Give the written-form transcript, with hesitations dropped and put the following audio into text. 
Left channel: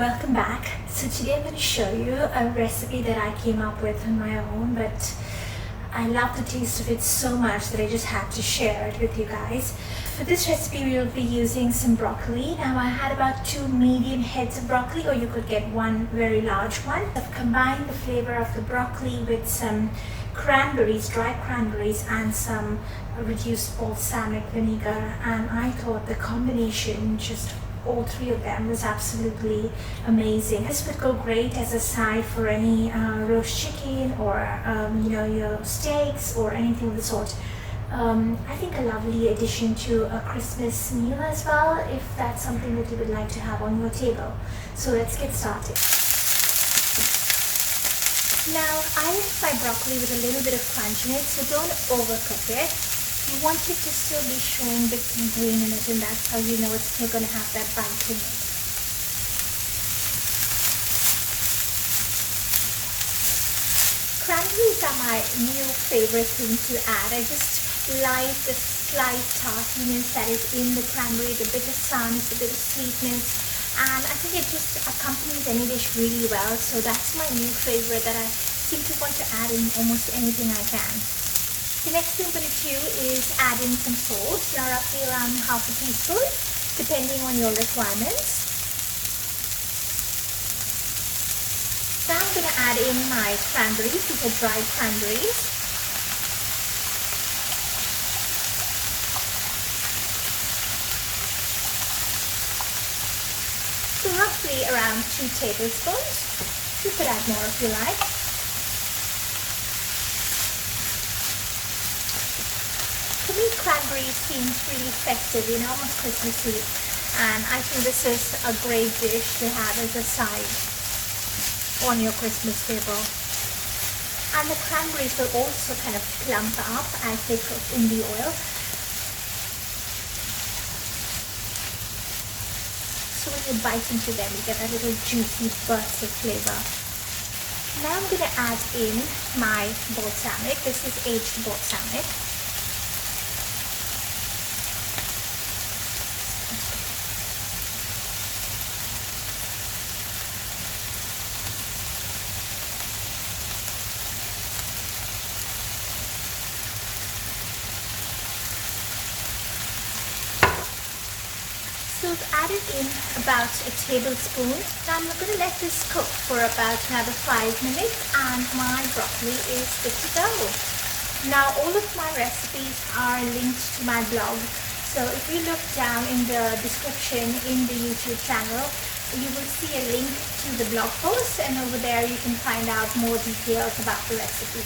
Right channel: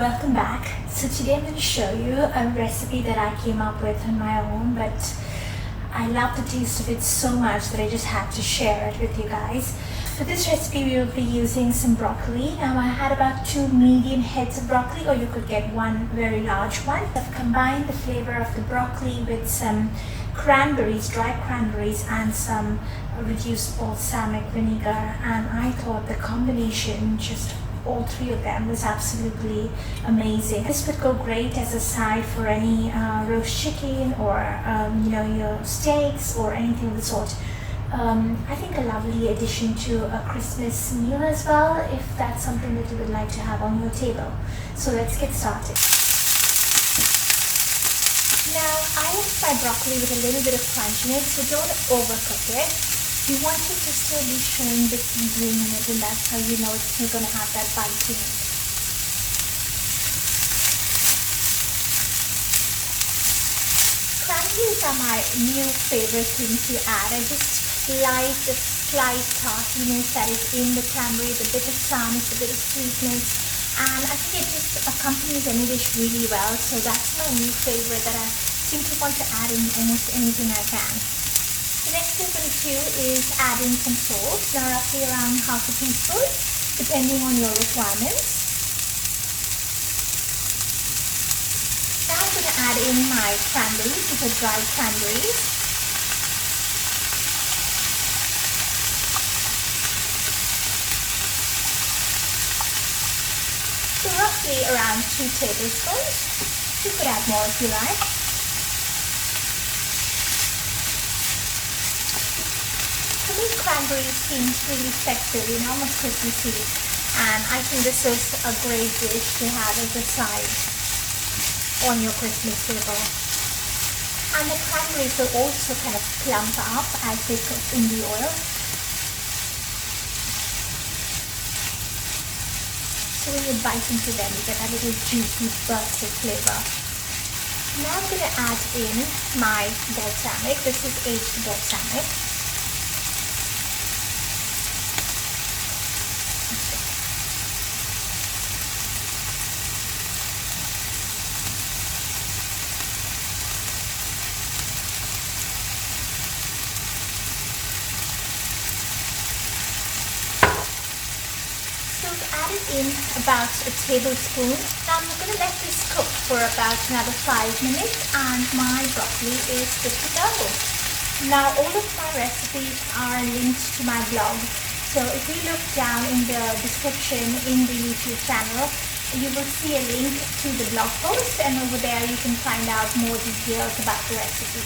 welcome back. So today I'm going to show you a recipe that I came up with on my own, but I love the taste of it so much that I just had to share it with you guys. For this recipe we will be using some broccoli. Now I had about 2 medium heads of broccoli, or you could get one very large one. I've combined the flavor of the broccoli with some cranberries, dry cranberries, and some reduced balsamic vinegar, and I thought the combination, just all three of them, was absolutely amazing. This would go great as a side for any roast chicken or your steaks or anything of the sort. I think a lovely addition to a Christmas meal as well, if that's something that you would like to have on your table. So let's get started. Now I like my broccoli with a little bit of crunchiness, so don't overcook it. You want it to still be showing bits of green in it, and that's how you know it's still going to have that bite in it. Cranberries are my new favorite thing to add. I just like the slight tartness that is in the cranberry, the bit of sourness, the bit of sweetness, and I think it just accompanies any dish really well. So that's my new favorite that I seem to want to add in almost anything I can. The next thing I'm going to do is add in some salt, roughly around half a teaspoon, depending on your requirements. Now I'm going to add in my cranberries, these are dried cranberries. So roughly around 2 tablespoons. You could add more if you like. For me, cranberries seems really festive, almost Christmas Eve, and I think this is a great dish to have as a side on your Christmas table. And the cranberries will also kind of plump up as they cook in the oil. So when you bite into them, you get a little juicy burst of flavor. Now I'm going to add in my balsamic. This is aged balsamic. So I've added in about a tablespoon. Now I'm going to let this cook for about another 5 minutes, and my broccoli is good to go. Now all of my recipes are linked to my blog. So if you look down in the description in the YouTube channel, you will see a link to the blog post, and over there you can find out more details about the recipe.